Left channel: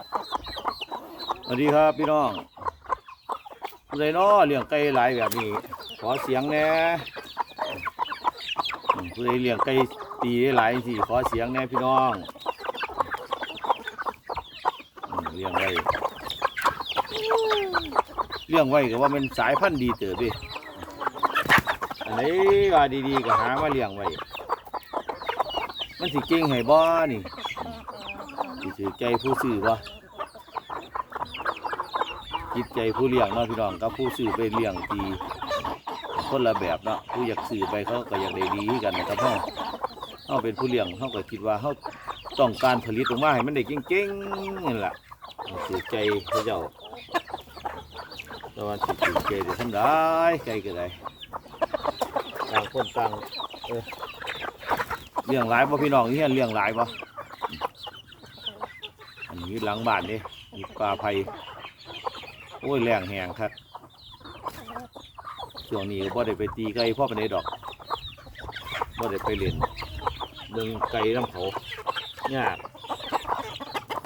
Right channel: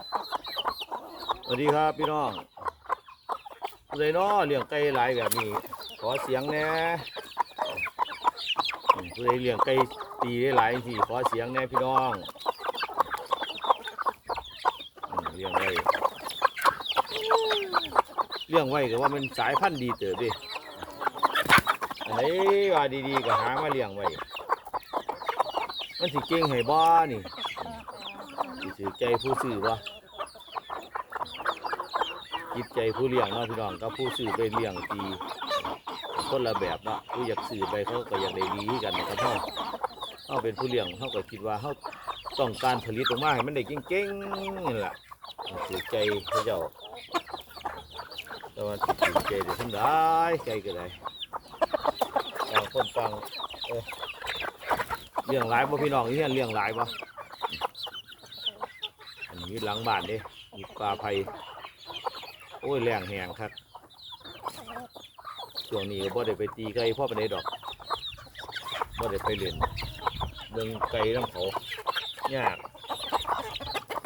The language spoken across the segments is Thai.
สวัสดีครับพี่น้องผู้ใดน้อเลี้ยงไก่หลายแบบนี้ ขอเสียงแน่อืมผู้ใดเลี้ยงไก่ตีได้หลายสิขอเสียงแน่พี่น้องเลี้ยงไว้เลี้ยงไว้ก็ว่ามันสายพันธุ์ดีเติบดิอันนี้ว่าดีๆก็หามาเลี้ยงไว้ มันสิเก่งให้บ่นี่ ถือใจผู้ซื้อบ่จิตใจผู้เลี้ยงเนาะพี่น้องกับผู้ซื้อไปเลี้ยงทีคนละแบบเนาะผู้อยากซื้อไปเขาก็อยากได้ดีกันนะครับเขาเขาเป็นผู้เลี้ยงเขาก็คิดว่าเขาต้องการผลิตออกมาให้มันได้เก่งๆนี่แหละถือใจเขาเจ้าแต่ว่าสิถือใจเดี๋ยวทำได้ใจก็ได้ต่างคนต่างเออเลี้ยงหลายบ่พี่น้องนี่เลี้ยงหลายบ่ อันนี้หลังบ้านนี่มีปลาไผ่โอ้ยแรงแหงครับช่วงนี้บ่ได้ไปตีไก่พ่อไปานดอกบ่ได้ไปเล่นเดินไก่น้ำเขายาก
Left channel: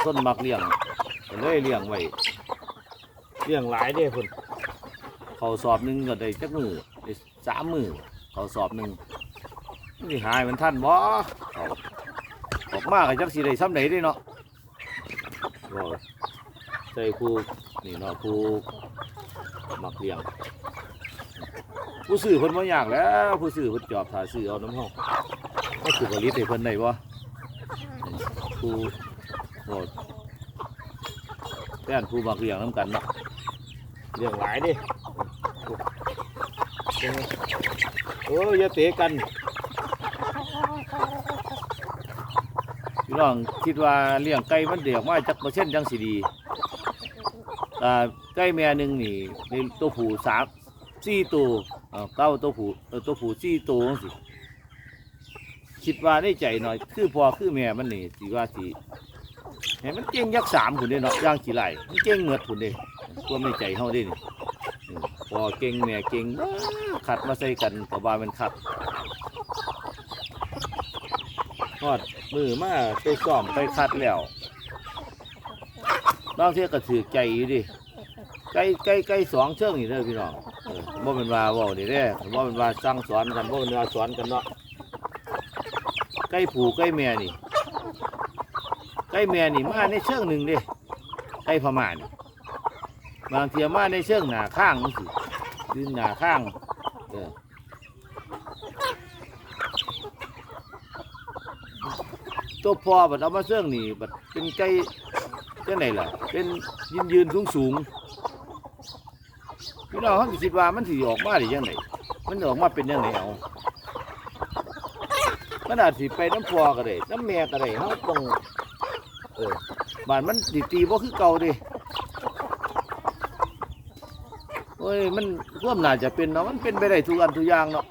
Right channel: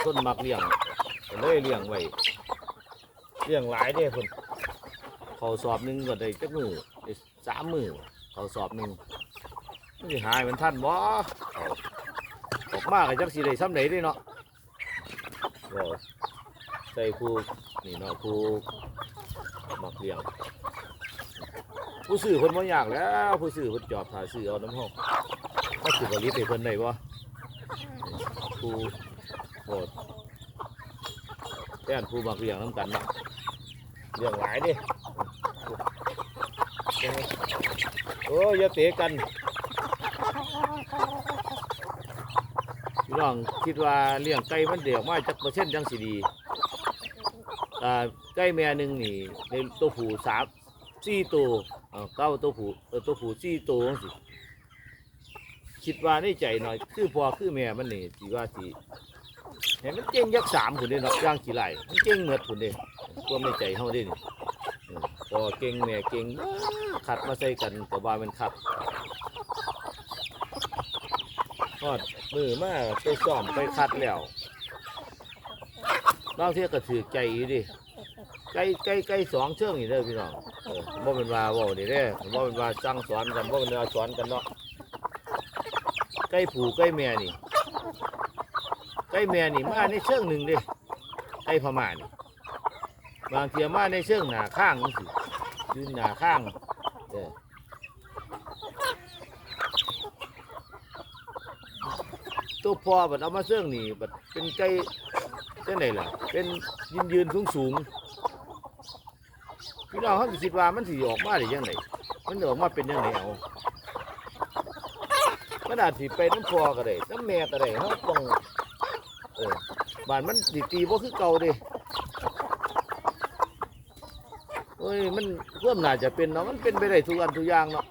ต้นมักเลี้ยงเลยเลี้ยงไว้เลี้ยงหลายเด้คนเขาสอบหนึ่งก็ได้จักมือได้สามมือเขาสอบหนึ่งนี่หายมันท่านบ่ออกมาก็จักสิได้ซ้ำไหนด้เนาะ ก็ใส่คู่นี่เนาะผู้มักเลี้ยงผู้ซื้อคนบ่ยากแล้ว ผู้ซื้อเพิ่นจอบถ่ายซื้อเอาน้ำห้องไม่สุกลิตให้เพิ่นได้บ่ผู้โหดแต้นผู้มักเลี้ยงน้ำกันเนาะเลี้ยงหลายดิโอ้ยอย่าเตะกัน พี่น้องคิดว่าเลี้ยงไก่มันเดี่ยวมาจักเปอร์เซ็นต์จังสิดีอ่าไก่แม่หนึ่งนี่ในตัวผู้สามสี่ตัวเอ่อเก้าตัวผู้เออตัวผู้สี่ตัวจังสิคิดว่าในใจหน่อย คือพอคือแม่มันนี่สิว่าสิเห็นมันเก่งยักษ์สามคนเด้เนาะย่างสีไหลมันเก่งเหมือนคนเด้ตัวไม่ใจเฮาเด้นี่พอเก่งแม่เก่งขัดมาใส่กันก็ว่ามันขัด อดมือมาไปซ้อมไปคัดแล้วบางเทีก็ถือใจอยู่ดิไก่ไก่ไก่สองเชิงนี่เด้อพี่น้องเออบ่เป็นว่าเว้านี่เด้อบ่เป็นว่าสั่งสอนกันบ่เป็นว่าสอนกันเนาะไก่ผูไก่แม่นี่ไก่แม่นี่มาในเชิงหนึ่งเด้ไก่พม่านี่บางเทียมาในเชิงหน้าข้างนี่สิยืนหน้าข้างเออ ตัวพอบัดเอามาเชิงนี่บัดเป็นไก่จังไหนล่ะ เป็นยืนยืนสูงสูงพี่น้องเขาสิคิดว่ามันสิออกมาได้ยังไงมันออกมาเป็นยังไงเอามันอาจสิไปน้ำพอก็ได้น้ำแม่ก็ได้เขาต้องเออบ้านมันดีตีว่าคือเก่าดิโอ้ยมันร่วมน่าจะเป็นเนาะมันเป็นไปได้ทุกอันทุกอย่างเนาะ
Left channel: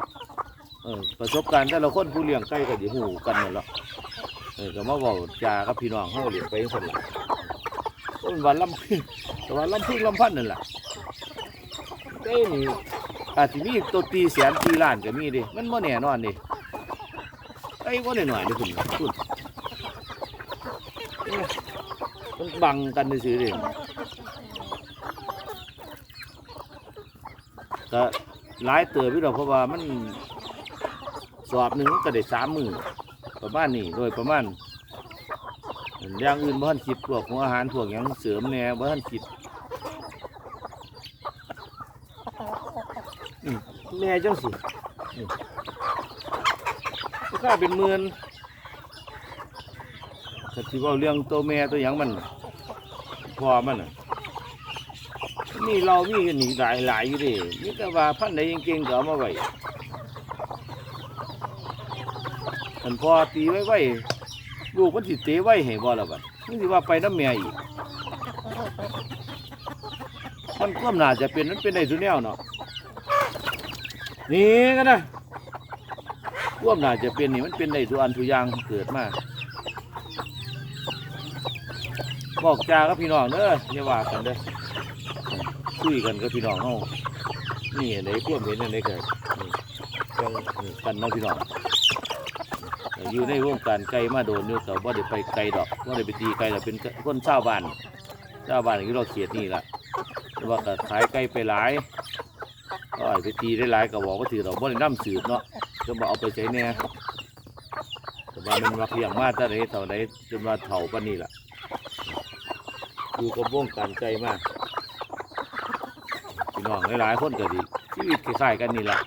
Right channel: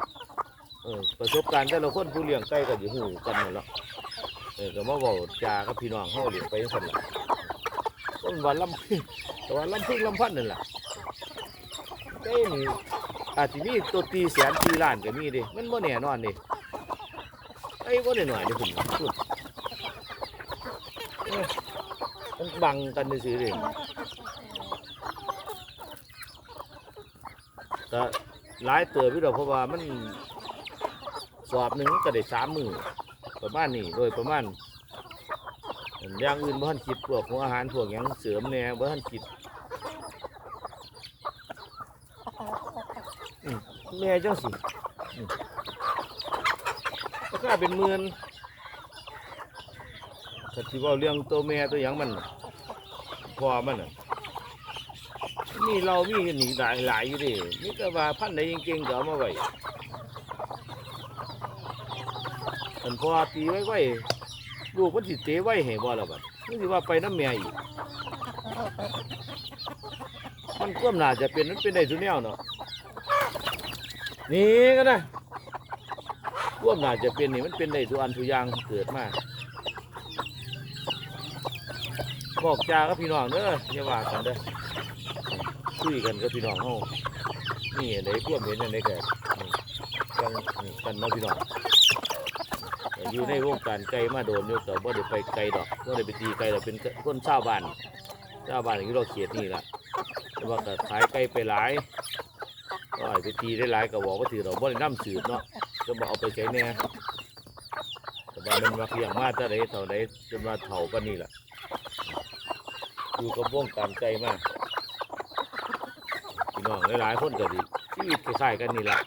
เออประสบการณ์แต่ละคนผู้เลี้ยงไก่ก็อยู่หูกันหมดแล้ว เออก็มาบอกจากับพี่น้องเขาเลี้ยงไปยังไงล่ะก็เป็นวันลำพึ่งแต่ว่าลำพึ่งลำพันนั่นแหละเอ้นี่อาจจะมีตัวตีแสนตีล้านก็มีดิมันบ่แน่นอนดิไอ้บ่แน่นอนเดิคุณคุณมันบังกันซื่อๆเดิก็หลายเติบพี่ดอกเพราะว่ามันสอบหนึ่งมันก็ได้สามหมือ ประมาณนี้โดยประมาณอย่างอื่นบ่ทันคิดพวกหัวอาหารพวกหยังเสริมแหน่บ่ทันคิดแม่จังสิราคาเป็นหมื่นแต่ที่ว่าเรื่องตัวแม่ตัวหยังมันน่ะพอมันนี่เรามีกันนี่หลายหลายอยู่ดินี่แต่ว่าพันธุ์ใดจริงๆก็เอามาไว้ มันพอตีไว้ไว้ลูกมันสิเตะไว้ให้บ่ละบัดนี่สิว่าไปน้ำแม่อีก มันก็น่าจะเป็นมันเป็นได้ทุกแนวเนาะนี่ก็นะร่วมน่าจะเป็นนี่มันเป็นได้ทุกอันทุกอย่างเกิดมาบอกจากับพี่น้องเด้ออย่าว่ากันเด้อคุยกันกับพี่น้องเฮานี่อะไรเทียมเห็นอะไรกันกันเนาะพี่น้อง อยู่ในวงการไก่มาโดนอยู่แต่ว่าได้ไปไกลดอกว่าได้ไปตีไก่ดอกเป็นคนชาวบ้านชาวบ้านที่เราเขียดนี่แหละแต่ว่าก็ขายไก่ไปหลายก็อาจจะตีได้หลายก็บอกว่าถือเราบ่ได้น้ำสืบเนาะจะมาเอาไปใช้เนี่ยแต่ว่ามันมาเลี้ยงมาเท่าไรเท่าไรจนมาเถ่าปานนี้แหละอยู่กับวงการไก่มากพี่น้องหลายๆคนก็ดีชีวิตคล้ายๆกันนี่แหละ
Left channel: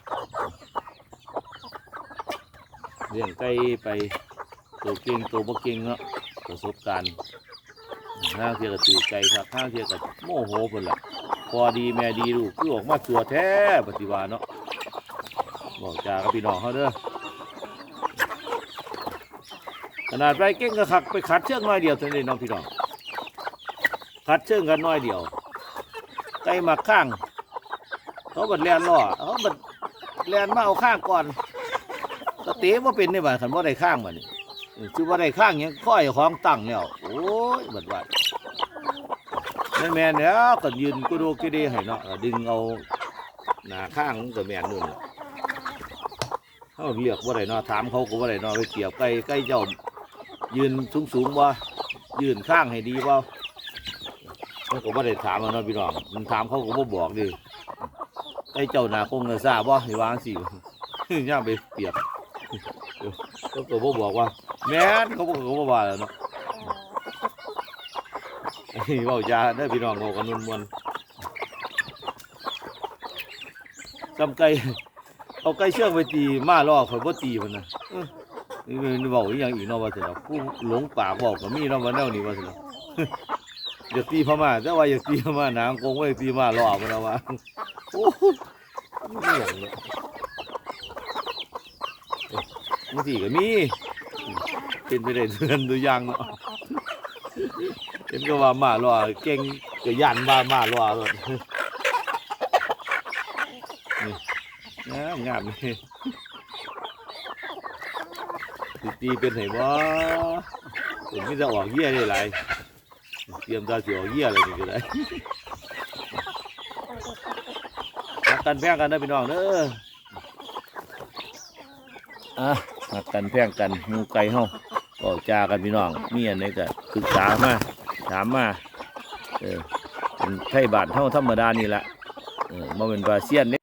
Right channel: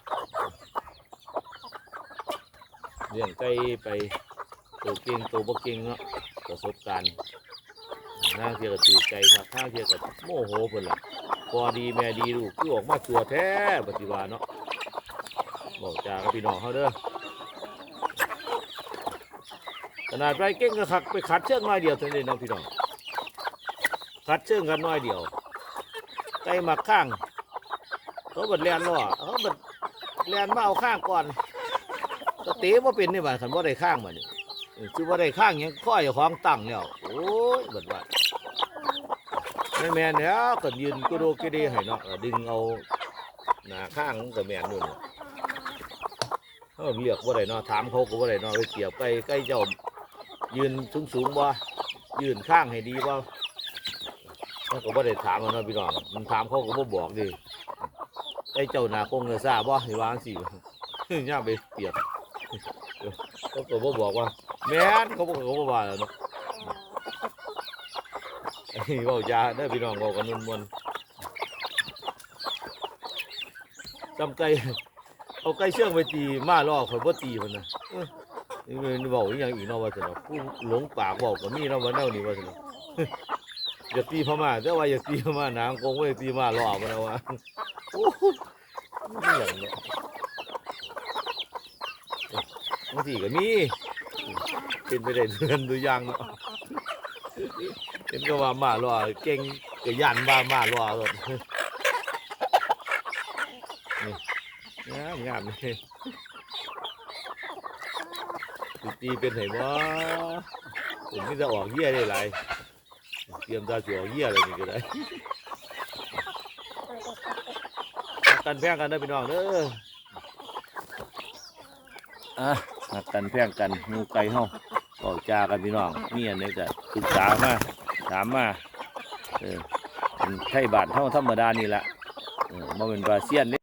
เลี้ยงไก่ไปตัวเก่งตัวบ่เก่งเนาะประสบการณ์ห้าเทียกับตีไก่ครับห้าเทียกับโมโหเพิ่นล่ะพอดีแม่ดีลูกคือออกมาตัวแท้ปฏิวาเนาะบอกจากับพี่น้องเขาเด้อขนาดไปเก่งก็ขักไปขัดเชือกน้อยเดียวเท่านี้น้องพี่น้องขัดเชือกกันน้อยเดียวไก่มาข้างเขาบัดแลนล่อเขาบัดแลนมาเอาข้างก่อน ก็เตะว่าเป็นนี่บ่าคันว่าได้ข้างบ่นี่คือว่าได้ข้างหยังค่อยของตั้งแล้วโอ้ยบัดว่าแม่นแม่เนี่ยก็ยืนกูโดกูดีให้เนาะดึงเอาหน้าข้างมันก็แม่นนู่นน่ะเขาเรียกว่าได้เนาะถามเขาก็ว่าได้เนาะไปเกี่ยวไก่ไก่เจ้ายืนสูงสูงๆบ่ยืนข้างให้ดีบ่เขาก็ว่าได้ถามเอาเนาะพี่น้องมันถามเขาก็บ่บอกดิไก่เจ้าหน้าคงเลยทราบบ่ให้วางสิย่าไปเปียบ เขาก็บ่บอกว่า แม่นเขาบอกเขาบ่ว่าแล้วเนาะนนี้เว้าจาเด้อพี่น้องบอกกันมวนมวนๆจำไก่เอาไก่เชื่องไปตีมาล่อข่อยบ่ตีมันนะนี่มันเว้าอีหยังอีกเนาะว่าซั่นเนาะผู้หลงปากเว้าก็มีเนาะว่าแนวนี้ว่าซั่นเนาะอย่าตีพม่าแต่ว่าอย่าตีพม่านางคงได้ตีมาล่อมันเอาว่าโอ้โหนี่หยังเนาะ บางทีก็มีเป็นไปได้เดือนตัวอย่างเนาะเห็นก็ว่ามาล่อเก่งก็ยันมามาล่อเลยนี่งามงามเลยตีเป็นเหรบ่ผมไม่จะออกเยี่ยได้ไรเตรียมตาเสียวเยี่ยอะไรนี่ก็ได้รักกันแพ้งกันได้พี่น้องเด้ออะ หักกันแพงกันงูไก่เฮาก็จากันพี่น้องมีอันนี้ก็ศึกษามาถามมาเออเป็นไทยบาทเท่าธรรมดานี่แหละเออมาเป็นบาเซียนเด้